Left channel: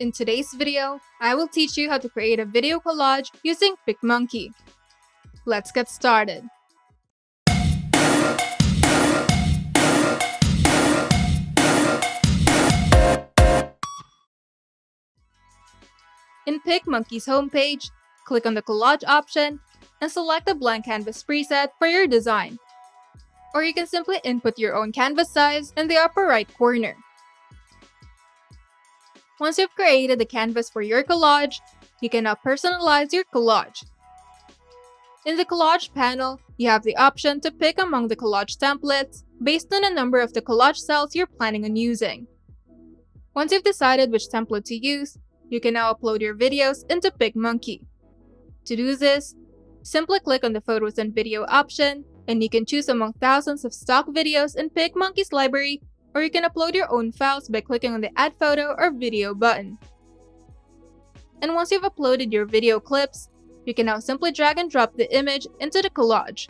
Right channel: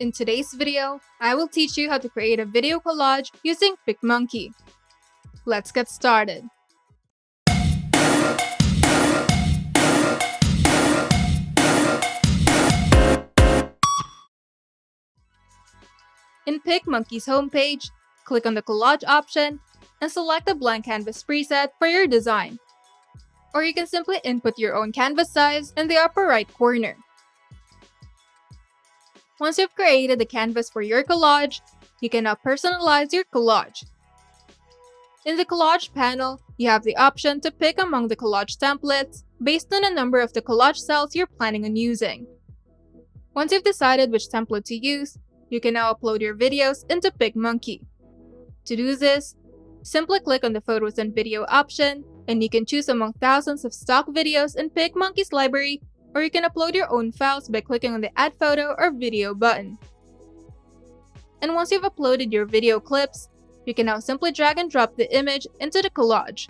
In today's video, I will teach you how to create a video collage using PicMonkey. Let's get started. In PicMonkey's homepage, click on the Collage option and select the blank canvas preset for your design. Or you can simply input your own canvas size in the upper right corner. Once you've created the canvas for your collage, you can now personalize your collage. In the Collage panel, you have the option to pick among the collage templates based on the number of the collage cells you're planning on using. Once you've decided which template to use, you can now upload your videos into PicMonkey. To do this, simply click on the Photos and Video option, and you can choose among thousands of stock videos in PicMonkey's library, or you can upload your own files by clicking on the Add Photo or Video button. And once you've uploaded your video clips, you can now simply drag and drop the image into the collage.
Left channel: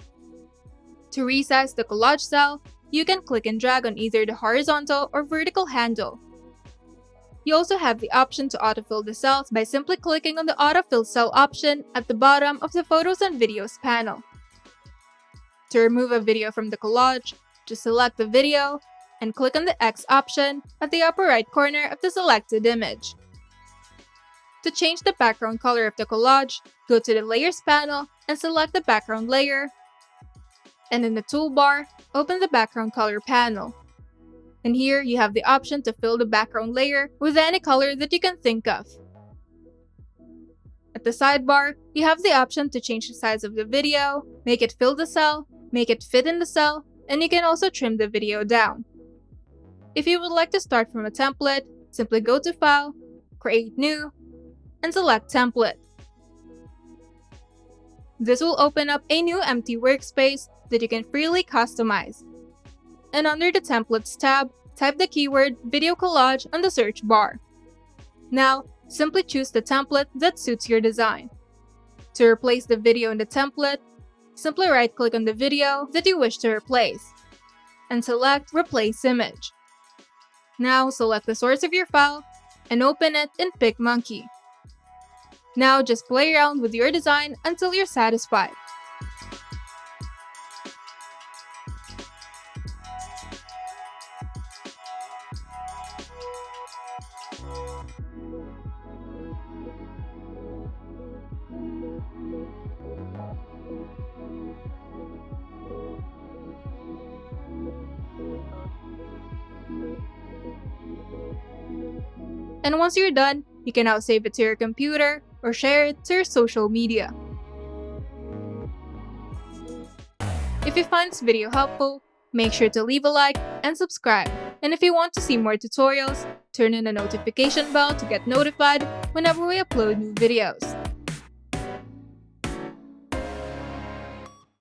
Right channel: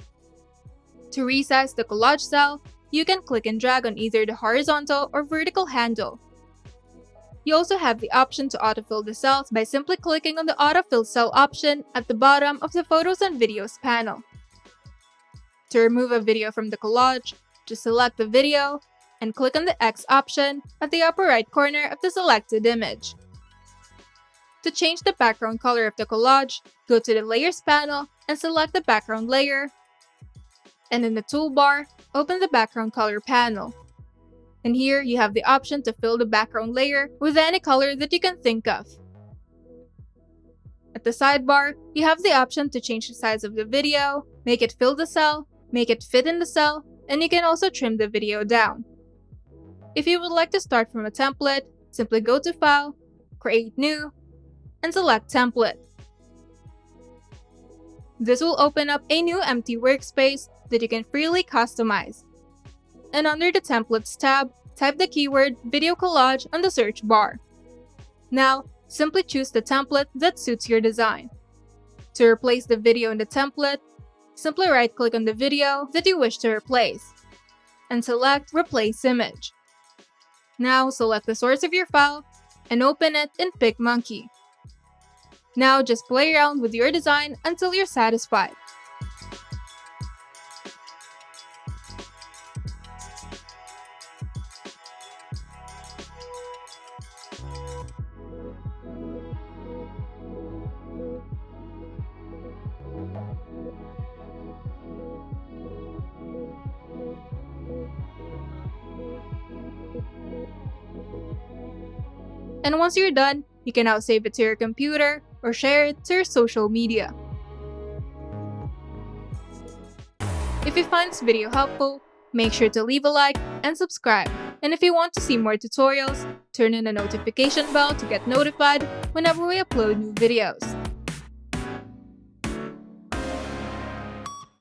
To resize the collage cell, you can click and drag on either the horizontal or vertical handle. You also have the option to autofill the cells by simply clicking on the Autofill Cell option at the bottom of the Photos and Videos panel. To remove a video from the collage, just select the video and click on the X option at the upper right corner of the selected image. To change the background color of the collage, go to the Layers panel and select the background layer. And in the toolbar, open the background color panel. And here you have the option to fill the background layer with any color that you can think of. At the sidebar, you have the option to change the size of the video, make it fill the cell, make it fit in the cell, and you can also trim the video down. If you would like to start from a template, simply go to File, Create New, and select Template. This will open up a new empty workspace that you can freely customize. And under the Templates tab, type the keyword Video Collage on the search bar. Now, simply choose the template that suits your design. To replace the video in the template, simply right-click on the video that you wish to replace, and select Replace Image. Now, select the source of your file and open it in PicMonkey. Now, just play around with your design until you're satisfied. And once you're done, you can now save it to your computer or share it to your social media. If you find this video helpful, make sure to leave a like and subscribe. And if you want to see more tutorials, turn on the notification bell to get notified whenever we upload new videos.